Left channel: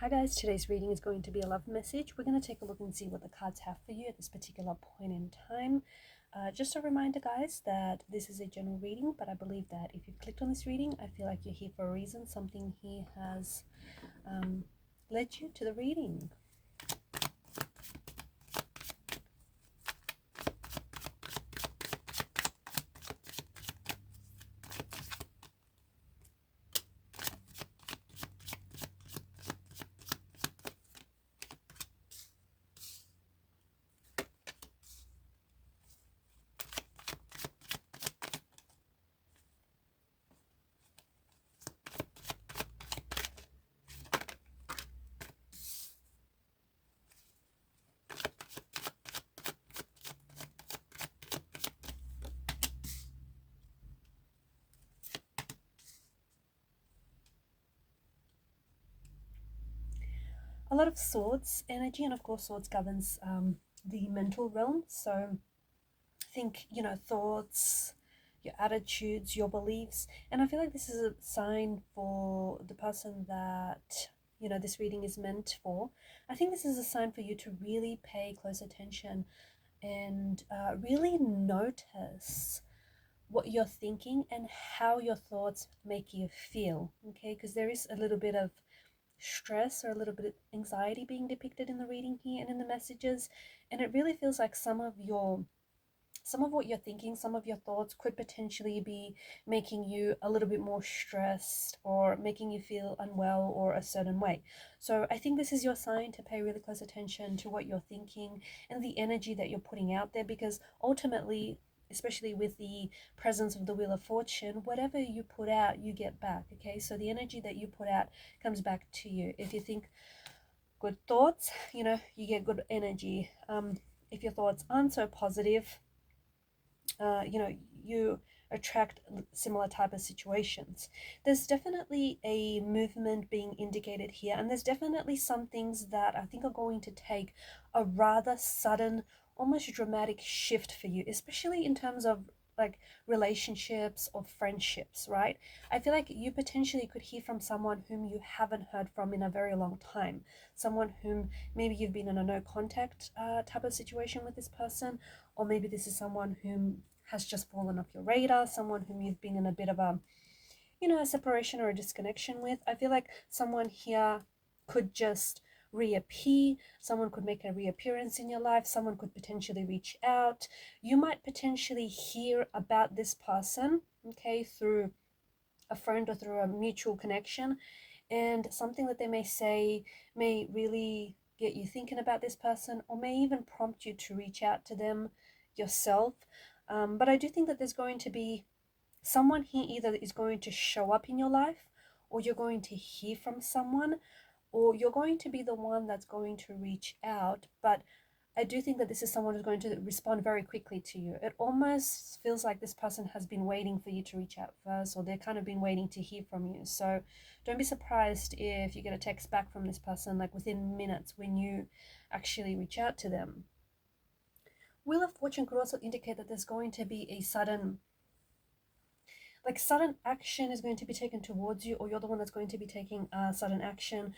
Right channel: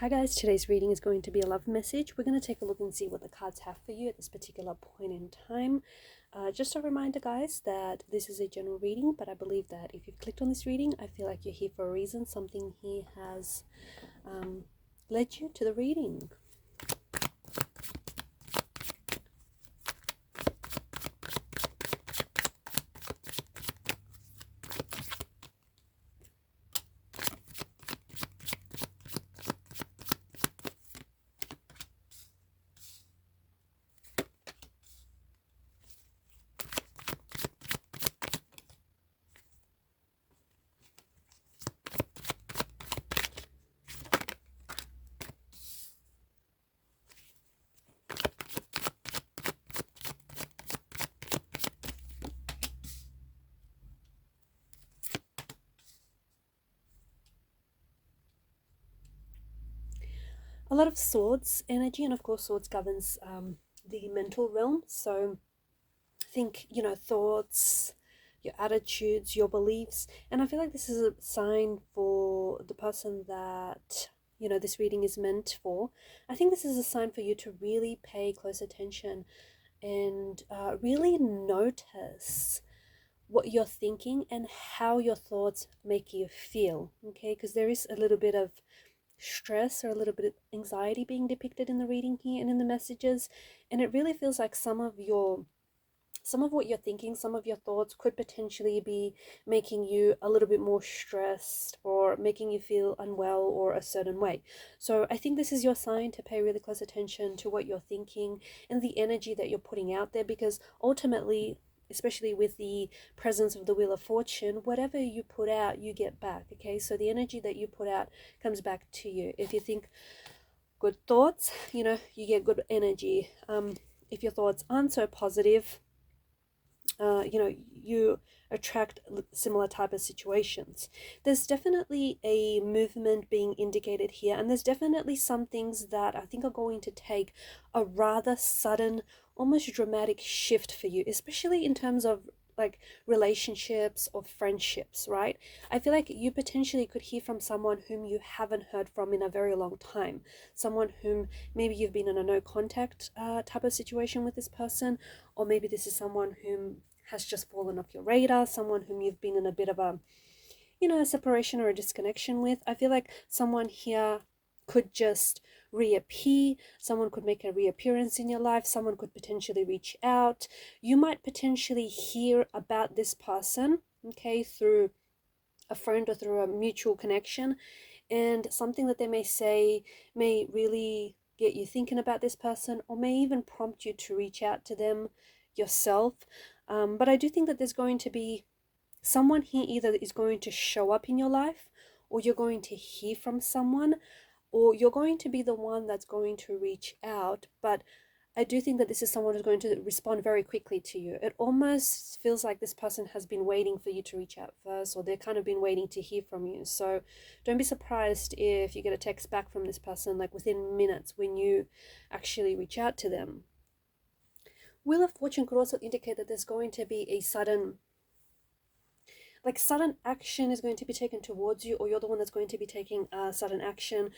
Hi guys, today's reading is going to be a love message. We're going to take a look and see what the cards have for you at this particular point in time. Just a reminder guys that this is a general reading, but I believe that if you've clicked on this reading, I feel like you're here for a reason. Something here has led you to the reading. A lot of swords energy, and of course swords governs the mental realm. So think, thoughts, your attitudes, your beliefs. And I feel like this is a sign for the person that, this reading is meant for. I think this is a sign for you to really pay close attention and really notice what you're thinking and how your thoughts make you feel. Okay, because there is a little bit of stress or a little bit of anxiety being depicted in the reading here and in the messages, and it really feels like some of what you're thinking, some of your thoughts could potentially be making you a little bit more stressed or making you feel unwell or a certain way. So I think this is your sign to pay really close attention to what you're thinking and the energy that you're putting out there, because ultimately, especially with the presence of the Wheel of Fortune, whatever you put out, you get back. Okay, so the energy that you put out comes back to you. If you think good thoughts, you get good energy. If your thoughts aren't so positive, you attract similar type of situations. There's definitely a movement being indicated here, and there's definitely some things that I think are going to take a rather sudden, almost dramatic shift for you, especially in terms of like relationships or friendships, right? I feel like you potentially could hear from someone whom you haven't heard from in a very long time, someone whom maybe you've been in a no contact type of situation with this person, or maybe this is someone whom has just fallen off your radar, someone whom you've been in a bit of a separation or a disconnection with. I feel like someone here could just reappear, someone could make a reappearance in your life, someone could potentially reach out. You might potentially hear about this person, okay, through a friend or through a mutual connection, and something that they may say may really get you thinking about this person, or may even prompt you to reach out to them yourself. But I do think that there's going to be someone here either is going to show up in your life, or you're going to hear from someone, or you're going to be the one that's going to reach out. But I do think that this is someone who's going to respond very quickly to you. It almost feels like this person has been waiting for you to reach out first, or they're kind of been waiting to hear from you. So don't be surprised if you get a text back from this person like within minutes when you actually reach out to them. Wheel of Fortune could also indicate that there's going to be a sudden action is going to be taken towards you, or you're the one that's going to be taking sudden action.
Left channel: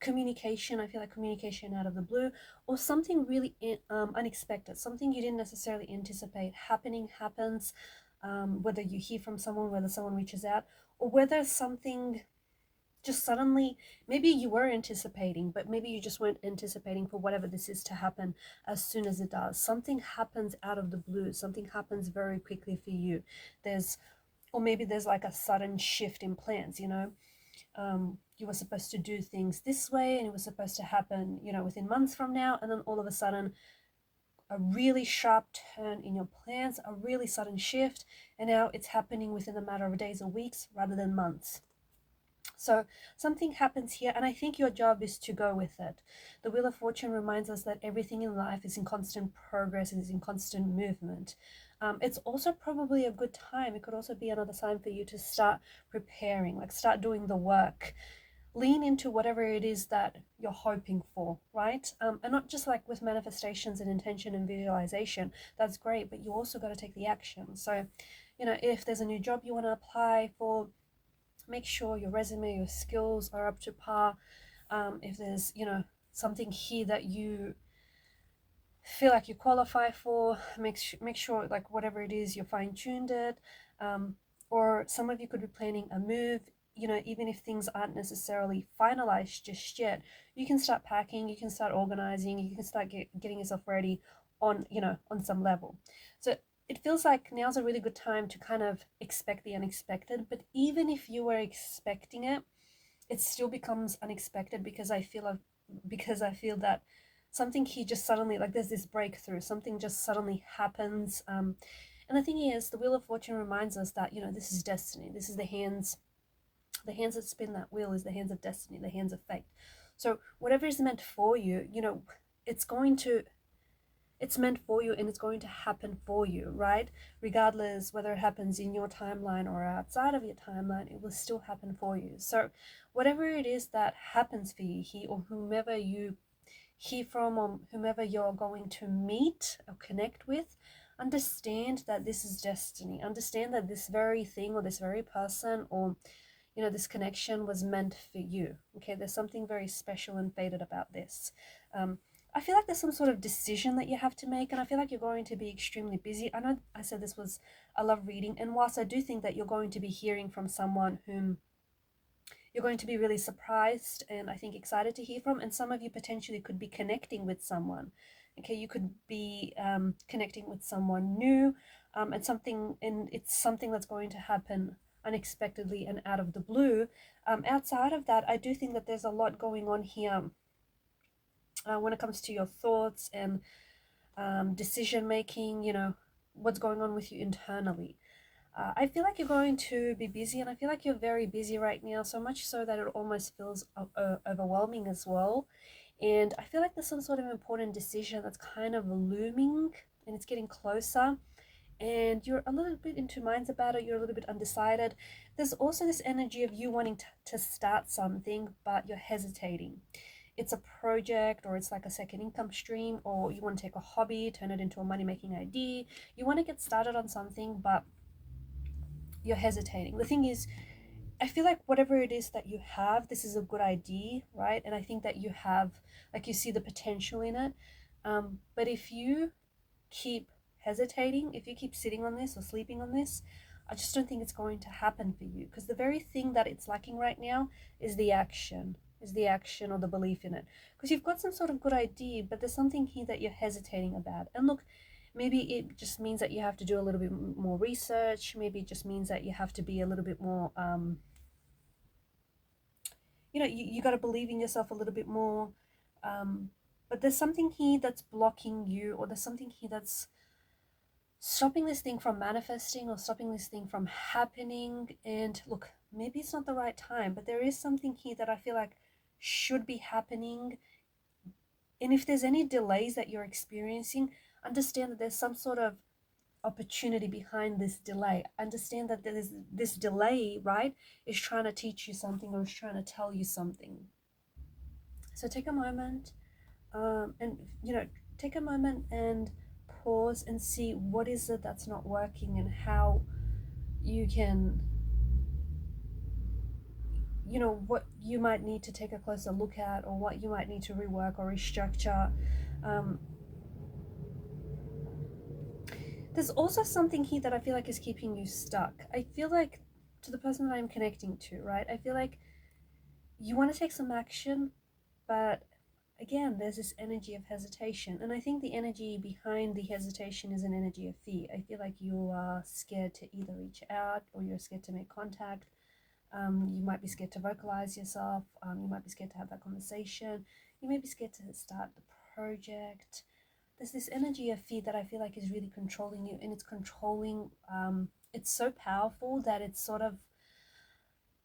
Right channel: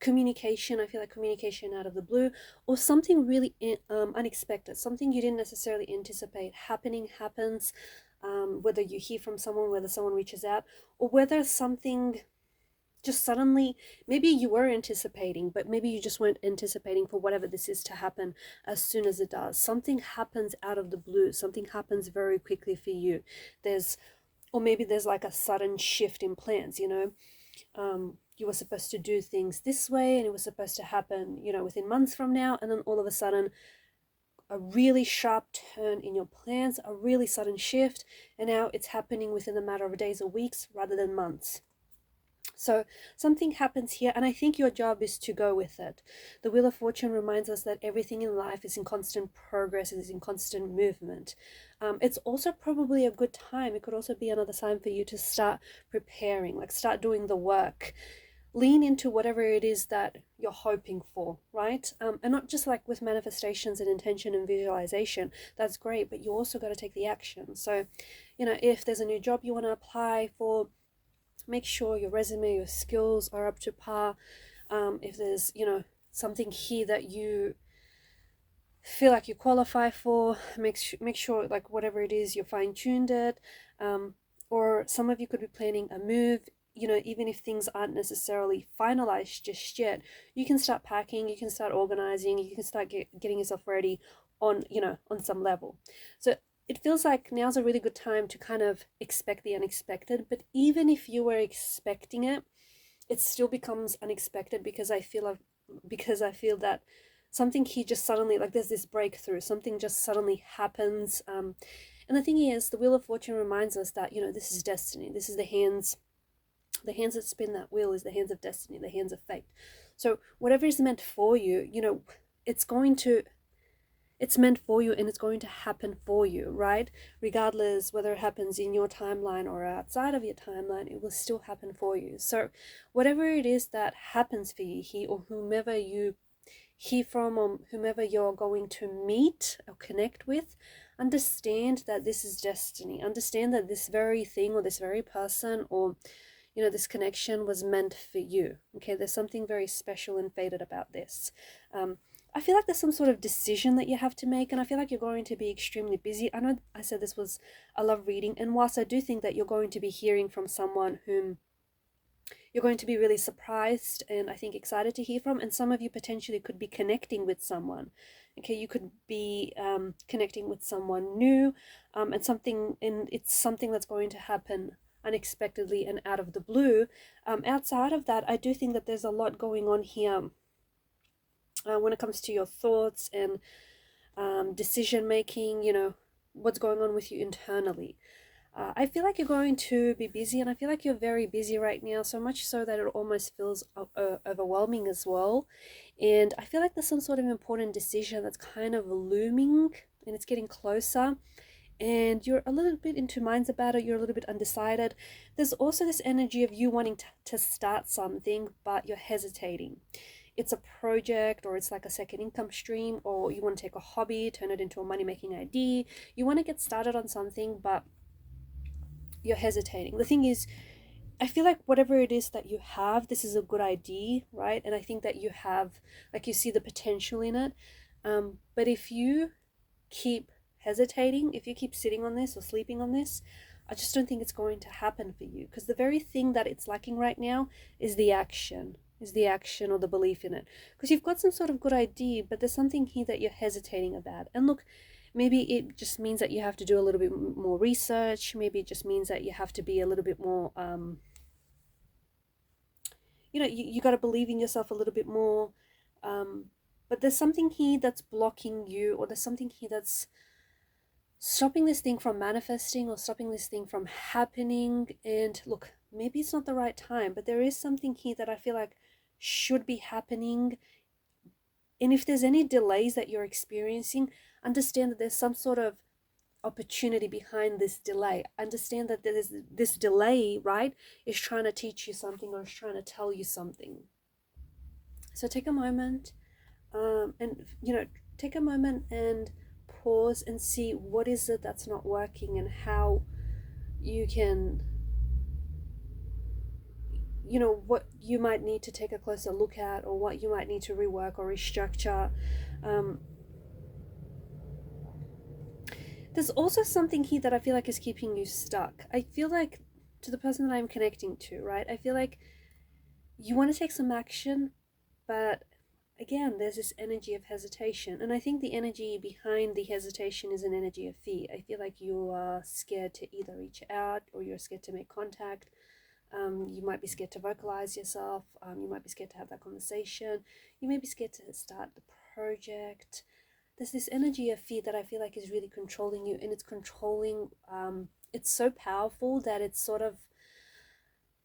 Communication, I feel like communication out of the blue, or something really unexpected, something you didn't necessarily anticipate happens, whether you hear from someone, whether someone reaches out, or whether something just suddenly, maybe you were anticipating, but maybe you just weren't anticipating for whatever this is to happen as soon as it does. Something happens out of the blue, something happens very quickly for you. Or maybe there's like a sudden shift in plans, you were supposed to do things this way and it was supposed to happen, within months from now, and then all of a sudden a really sharp turn in your plans, a really sudden shift, and now it's happening within a matter of days or weeks rather than months. So something happens here, and I think your job is to go with it. The Wheel of Fortune reminds us that everything in life is in constant progress and is in constant movement. It's also probably a good time. It could also be another sign for you to start preparing, like start doing the work. Lean into whatever it is that you're hoping for, right? And not just like with manifestations and intention and visualization. That's great, but you also got to take the action. So, if there's a new job you want to apply for, make sure your resume, your skills are up to par. if there's, something here that you feel like you qualify for, make sure, like, whatever it is, you're fine-tuned it. Or some of you could be planning a move. Even if things aren't necessarily finalized just yet, you can start packing, you can start organizing, you can start getting yourself ready on, on some level. So it feels like now's a really good time to kind of expect the unexpected. But even if you were expecting it, it still becomes unexpected, because I feel that something here just suddenly, like, there's this breakthrough, something just suddenly happens. And the thing is, the Wheel of Fortune reminds us that, this is destiny. This is the hands that spin that wheel is the hands of destiny, the hands of fate. So whatever is meant for you, it's going to it's meant for you, and it's going to happen for you, right? Regardless whether it happens in your timeline or outside of your timeline, it will still happen for you. So whatever it is that happens for you here, or whomever you hear from, or whomever you're going to meet or connect with, understand that this is destiny. Understand that this very thing, or this very person, or this connection was meant for you. Okay, there's something very special and fated about this. I feel like there's some sort of decision that you have to make, and I feel like you're going to be extremely busy. I know I said this was a love reading, and whilst I do think that you're going to be hearing from someone whom you're going to be really surprised and I think excited to hear from, and some of you potentially could be connecting with someone. Okay, you could be connecting with someone new, and it's something that's going to happen unexpectedly and out of the blue. Outside of that, I do think that there's a lot going on here when it comes to your thoughts and decision making, what's going on with you internally. I feel like you're going to be busy, and I feel like you're very busy right now, so much so that it almost feels overwhelming as well. And I feel like there's some sort of important decision that's kind of looming, and it's getting closer, and you're a little bit in two minds about it. You're a little bit undecided. There's also this energy of you wanting to start something, but you're hesitating. It's a project, or it's like a second income stream, or you want to take a hobby, turn it into a money making idea. You want to get started on something, but you're hesitating. The thing is, I feel like whatever it is that you have, this is a good idea, right? And I think that you have, like, you see the potential in it. But if you keep hesitating, if you keep sitting on this or sleeping on this, I just don't think it's going to happen for you, because the very thing that it's lacking right now is the action, or the belief in it. Because you've got some sort of good idea, but there's something here that you're hesitating about. And look, maybe it just means that you have to do a little bit more research. Maybe it just means that you have to be a little bit more you got to believe in yourself a little bit more. But there's something here that's blocking you, or there's something here that's stopping this thing from manifesting, or stopping this thing from happening. And look, maybe it's not the right time, but there is something here that I feel like should be happening. And if there's any delays that you're experiencing, understand that there's some sort of opportunity behind this delay. Understand that there's this delay, right, is trying to teach you something, or is trying to tell you something. So take a moment, and take a moment and pause and see what is it that's not working, and how you can, what you might need to take a closer look at, or what you might need to rework or restructure. There's also something here that I feel like is keeping you stuck. I feel like, to the person that I'm connecting to, right, I feel like you want to take some action, but again, there's this energy of hesitation. And I think the energy behind the hesitation is an energy of fear. I feel like you are scared to either reach out, or you're scared to make contact. You might be scared to vocalize yourself. You might be scared to have that conversation. You may be scared to start the project. There's this energy of fear that I feel like is really controlling you, and it's controlling. It's so powerful that it's sort of,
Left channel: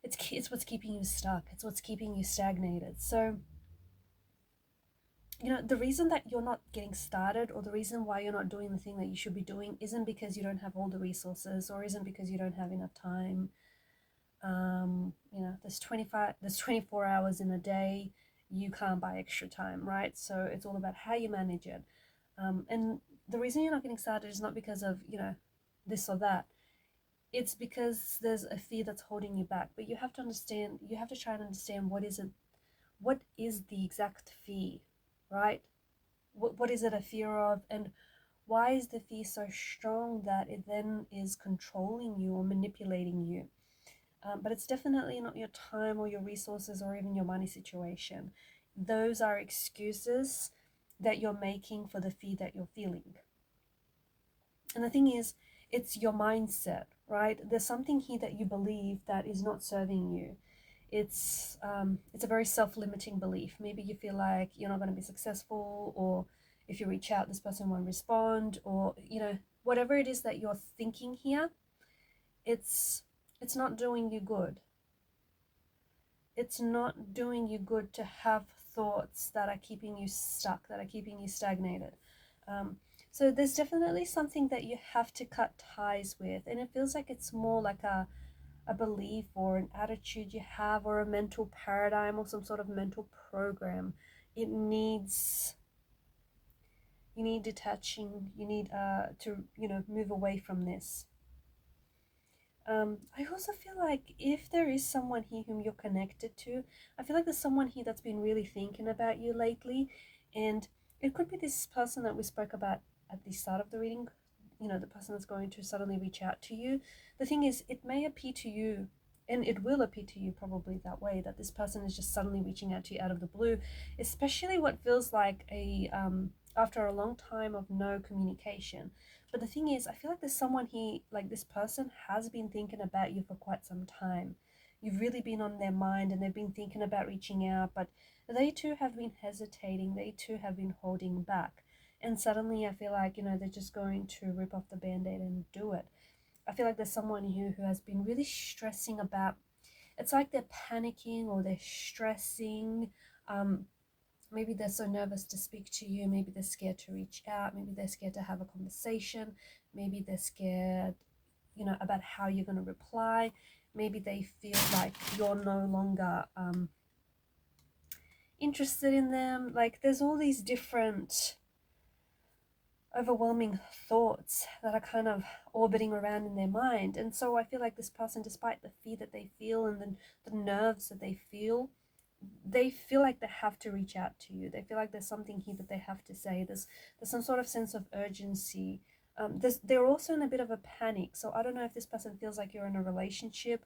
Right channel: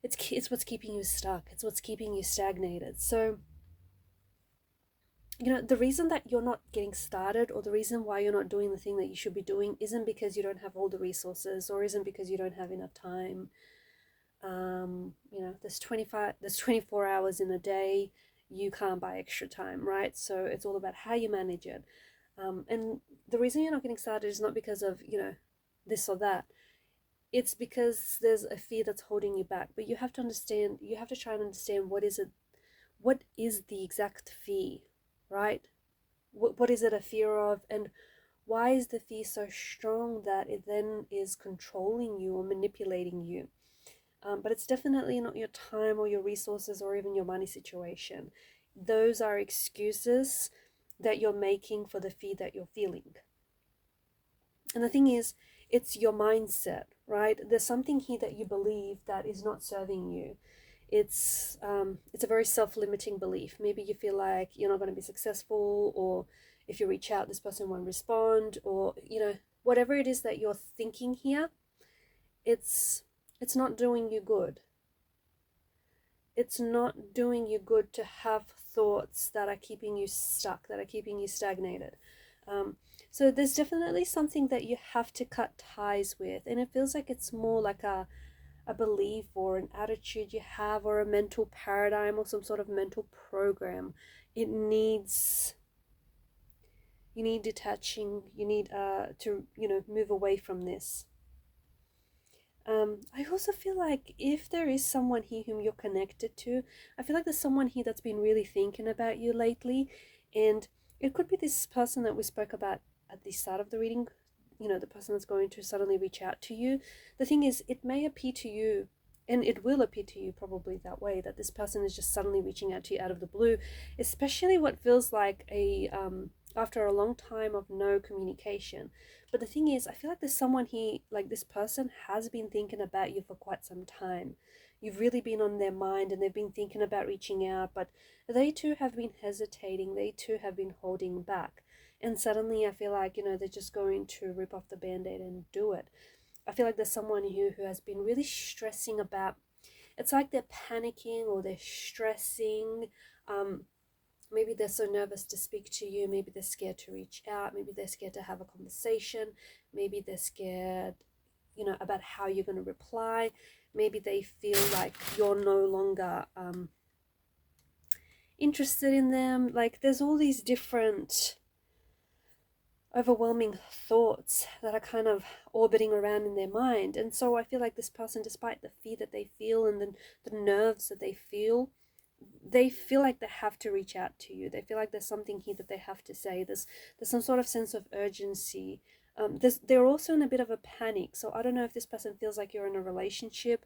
it's what's keeping you stuck. It's what's keeping you stagnated. So, the reason that you're not getting started, or the reason why you're not doing the thing that you should be doing, isn't because you don't have all the resources, or isn't because you don't have enough time. There's 24 hours in a day. You can't buy extra time, right? So it's all about how you manage it. And the reason you're not getting started is not because of, this or that. It's because there's a fear that's holding you back. But you have to try and understand, what is the exact fear, right? What is it a fear of, and why is the fear so strong that it then is controlling you or manipulating you? But it's definitely not your time or your resources or even your money situation. Those are excuses that you're making for the fear that you're feeling. And the thing is, it's your mindset, right? There's something here that you believe that is not serving you. It's a very self-limiting belief. Maybe you feel like you're not going to be successful, or if you reach out, this person won't respond, or whatever it is that you're thinking here, it's it's not doing you good. It's not doing you good to have thoughts that are keeping you stuck, that are keeping you stagnated. Um, so there's definitely something that you have to cut ties with, and it feels like it's more like a belief or an attitude you have, or a mental paradigm, or some sort of mental program. It needs you need detaching. You need to move away from this. I also feel like if there is someone here whom you're connected to, I feel like there's someone here that's been really thinking about you lately. And it could be this person that we spoke about at the start of the reading, the person that's going to suddenly reach out to you. The thing is, it may appear to you, and it will appear to you probably that way, that this person is just suddenly reaching out to you out of the blue, especially what feels like after a long time of no communication. But the thing is, I feel like there's someone here, like this person has been thinking about you for quite some time. You've really been on their mind, and they've been thinking about reaching out, but they too have been hesitating. They too have been holding back. And suddenly I feel like, they're just going to rip off the band-aid and do it. I feel like there's someone here who has been really stressing about, it's like they're panicking or they're stressing. Maybe they're so nervous to speak to you. Maybe they're scared to reach out. Maybe they're scared to have a conversation. Maybe they're scared, about how you're going to reply. Maybe they feel like you're no longer interested in them. Like there's all these different overwhelming thoughts that are kind of orbiting around in their mind. And so I feel like this person, despite the fear that they feel and the nerves that they feel like they have to reach out to you. They feel like there's something here that they have to say. There's some sort of sense of urgency. They're also in a bit of a panic. So I don't know if this person feels like you're in a relationship,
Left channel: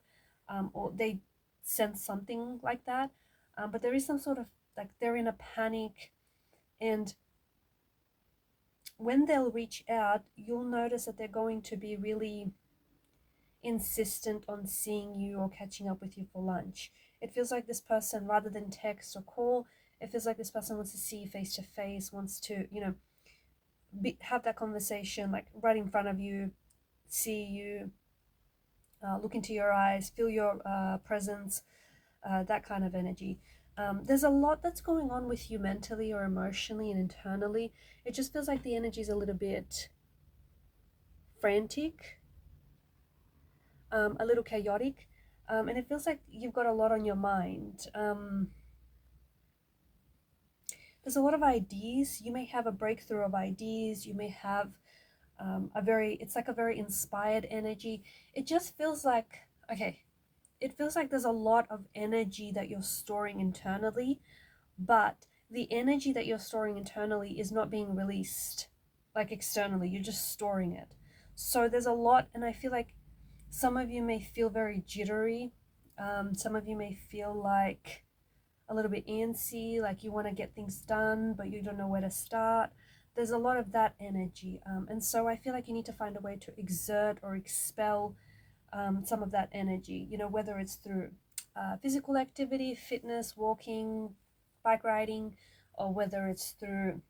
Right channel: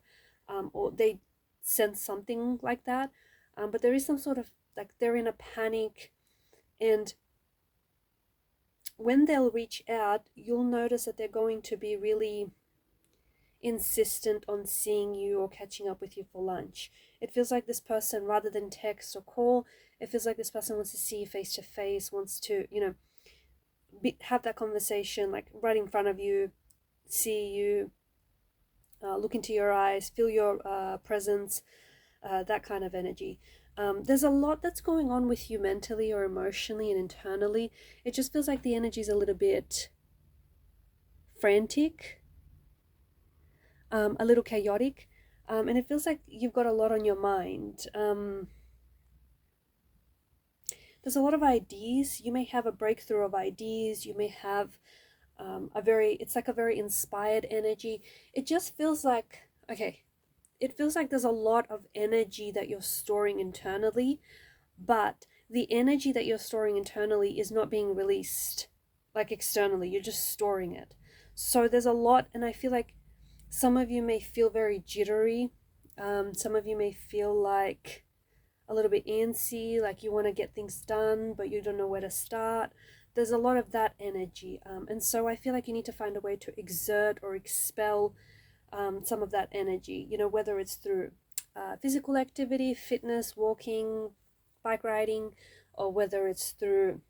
or they sense something like that. But there is some sort of, like, they're in a panic, and when they'll reach out, you'll notice that they're going to be really insistent on seeing you or catching up with you for lunch. It feels like this person, rather than text or call, it feels like this person wants to see you face to face, wants to, have that conversation like right in front of you, see you, look into your eyes, feel your presence, that kind of energy. There's a lot that's going on with you mentally or emotionally and internally. It just feels like the energy is a little bit frantic, a little chaotic, and it feels like you've got a lot on your mind. There's a lot of ideas. You may have a breakthrough of ideas. You may have it's like a very inspired energy. It just feels like, okay, it feels like there's a lot of energy that you're storing internally, but the energy that you're storing internally is not being released like externally. You're just storing it. So there's a lot, and I feel like some of you may feel very jittery. Some of you may feel like a little bit antsy, like you want to get things done, but you don't know where to start. There's a lot of that energy. And so I feel like you need to find a way to exert or expel some of that energy, whether it's through physical activity, fitness, walking, bike riding, or whether it's through,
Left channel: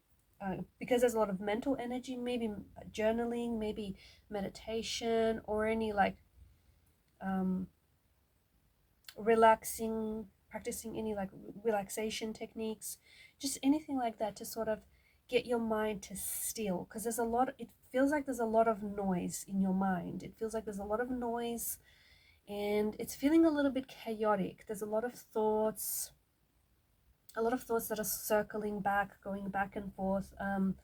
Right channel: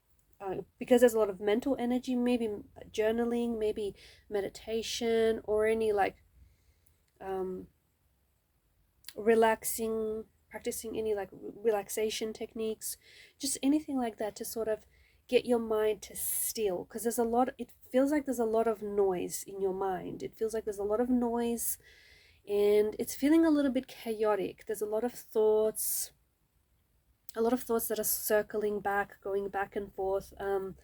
because there's a lot of mental energy, maybe journaling, maybe meditation, or any like um, relaxing, practicing any like relaxation techniques, just anything like that to sort of get your mind to still, because it feels like there's a lot of noise in your mind. It feels like there's a lot of noise, and it's feeling a little bit chaotic. There's a lot of thoughts that are circling back, going back and forth. And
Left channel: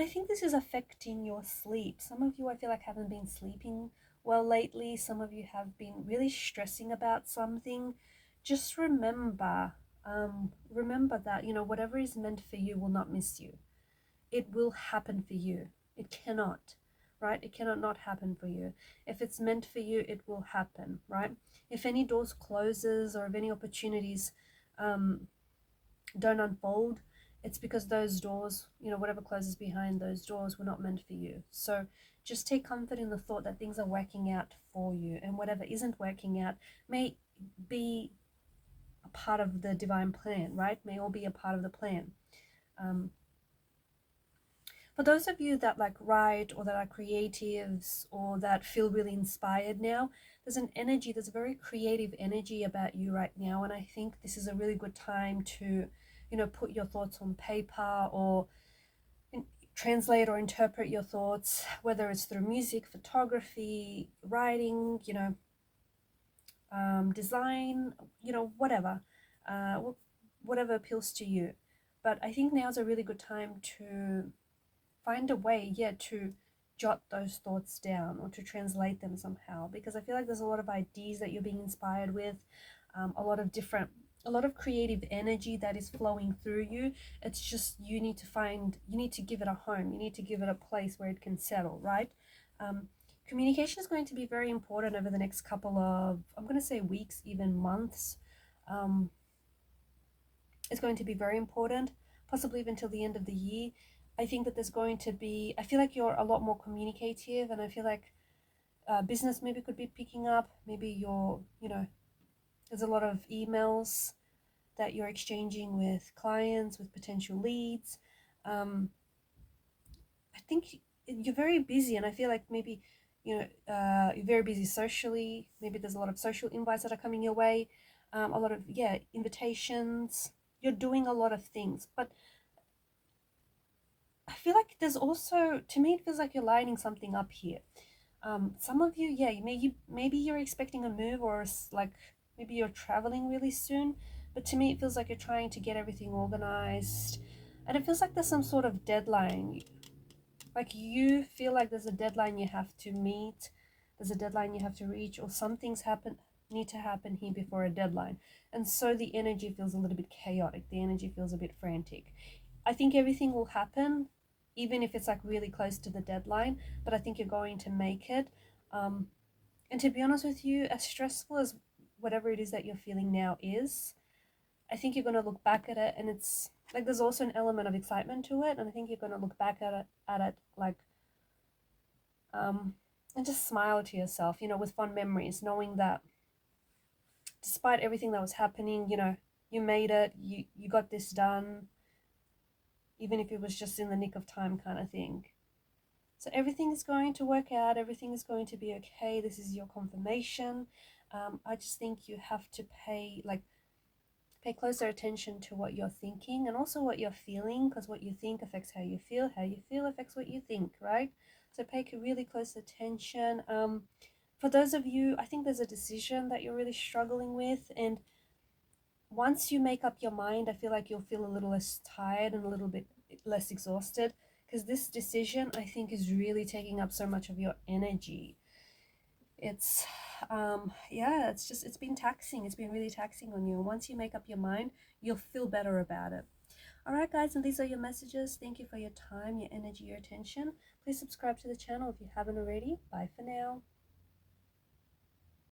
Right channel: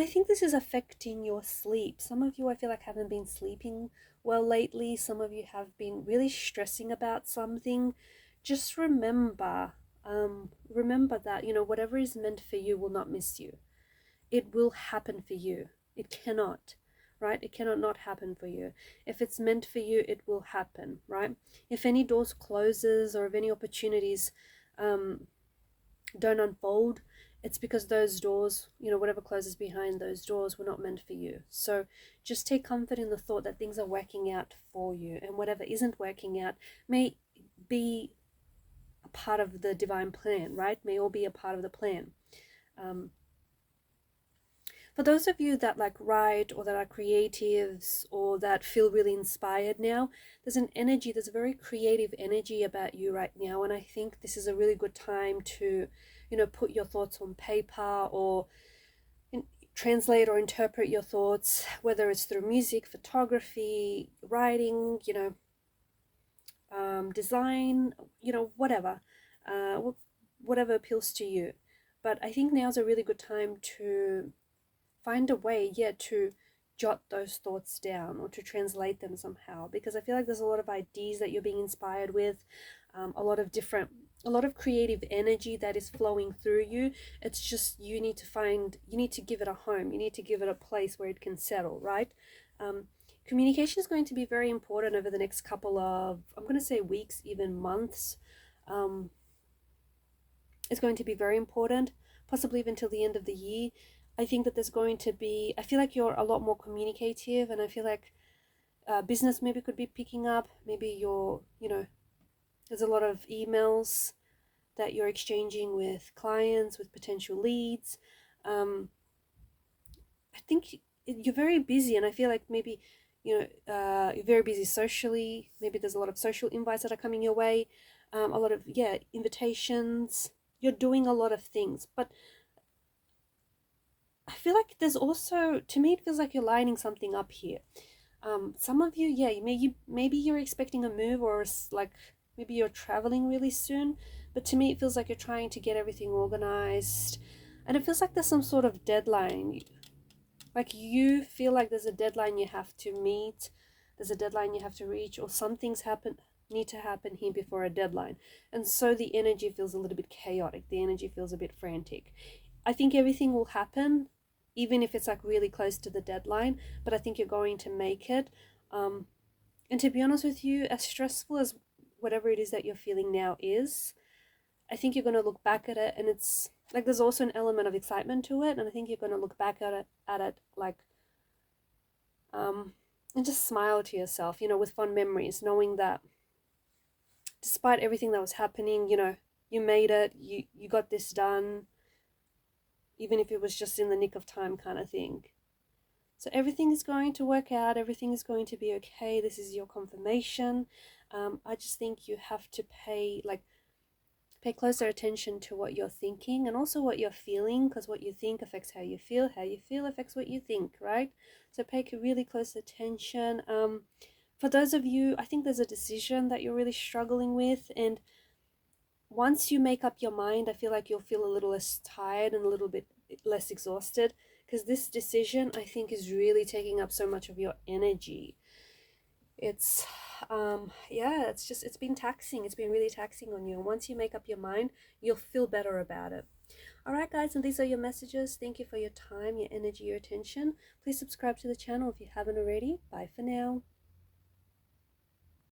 I think this is affecting your sleep. Some of you, I feel like, haven't been sleeping well lately. Some of you have been really stressing about something. Just remember, Remember that, you know, whatever is meant for you will not miss you. It will happen for you. It cannot, right? It cannot not happen for you. If it's meant for you, it will happen, right? If any doors closes or if any opportunities um, don't unfold, it's because those doors, you know, whatever closes behind those doors were not meant for you. So just take comfort in the thought that things are working out for you, and whatever isn't working out may be a part of the divine plan, right? May all be a part of the plan. Um, for those of you that like write or that are creatives or that feel really inspired now, there's an energy, there's a very creative energy about you right now. And I think this is a really good time to, you know, put your thoughts on paper or translate or interpret your thoughts, whether it's through music, photography, writing, you know, design, you know, uh, whatever appeals to you. But I think now's a really good time to find a way, yeah, to jot those thoughts down or to translate them somehow, because I feel like there's a lot of ideas that you're being inspired with, a lot of creative energy that is flowing through you. It's just you need to give it a home, you need to give it a place where it can settle, right? um, Communication is going to be very important over the next couple of, I'm going to say weeks, even months. um, is going to be very important, possibly even till the end of the year. I think that there's going to be, I feel like you're a lot more communicative, and I feel like business maybe could be picking up. Maybe you're, you know, there's a lot of emails that you're exchanging with clients, with potential leads. Um, I think you're very busy, and I feel like maybe, you know, you're very busy socially. Maybe there's a lot of social invites that are coming your way, a lot of, yeah, invitations. You're doing a lot of things, but I feel like there's also, to me, it feels like you're lining something up here. Some of you, yeah, maybe you're expecting a move, or like maybe you're traveling really soon. But to me, it feels like you're trying to get everything organized, and it feels like there's some sort of deadline. Like you feel like there's a deadline you have to meet, there's a deadline you have to reach, or some things need to happen here before a deadline, and so the energy feels a little bit chaotic. The energy feels a bit frantic. I think everything will happen, even if it's like really close to the deadline, but I think you're going to make it. Um, and to be honest with you, as stressful as whatever it is that you're feeling now is, I think you're going to look back at it, and it's like there's also an element of excitement to it. And I think you're going to look back at it like, um, and just smile to yourself, you know, with fond memories, knowing that despite everything that was happening, you know, you made it, you got this done, even if it was just in the nick of time kind of thing. So everything is going to work out. Everything is going to be okay. This is your confirmation. I just think you have to pay closer attention to what you're thinking and also what you're feeling, because what you think affects how you feel. How you feel affects what you think, right? So pay really close attention. For those of you, I think there's a decision that you're really struggling with, and once you make up your mind, I feel like you'll feel a little less tired and a little bit less exhausted, because this decision, I think, is really taking up so much of your energy. It's yeah, it's been taxing. It's been really taxing on you. Once you make up your mind, you'll feel better about it. All right, guys, and these are your messages. Thank you for your time, your energy, your attention. Please subscribe to the channel if you haven't already. Bye for now.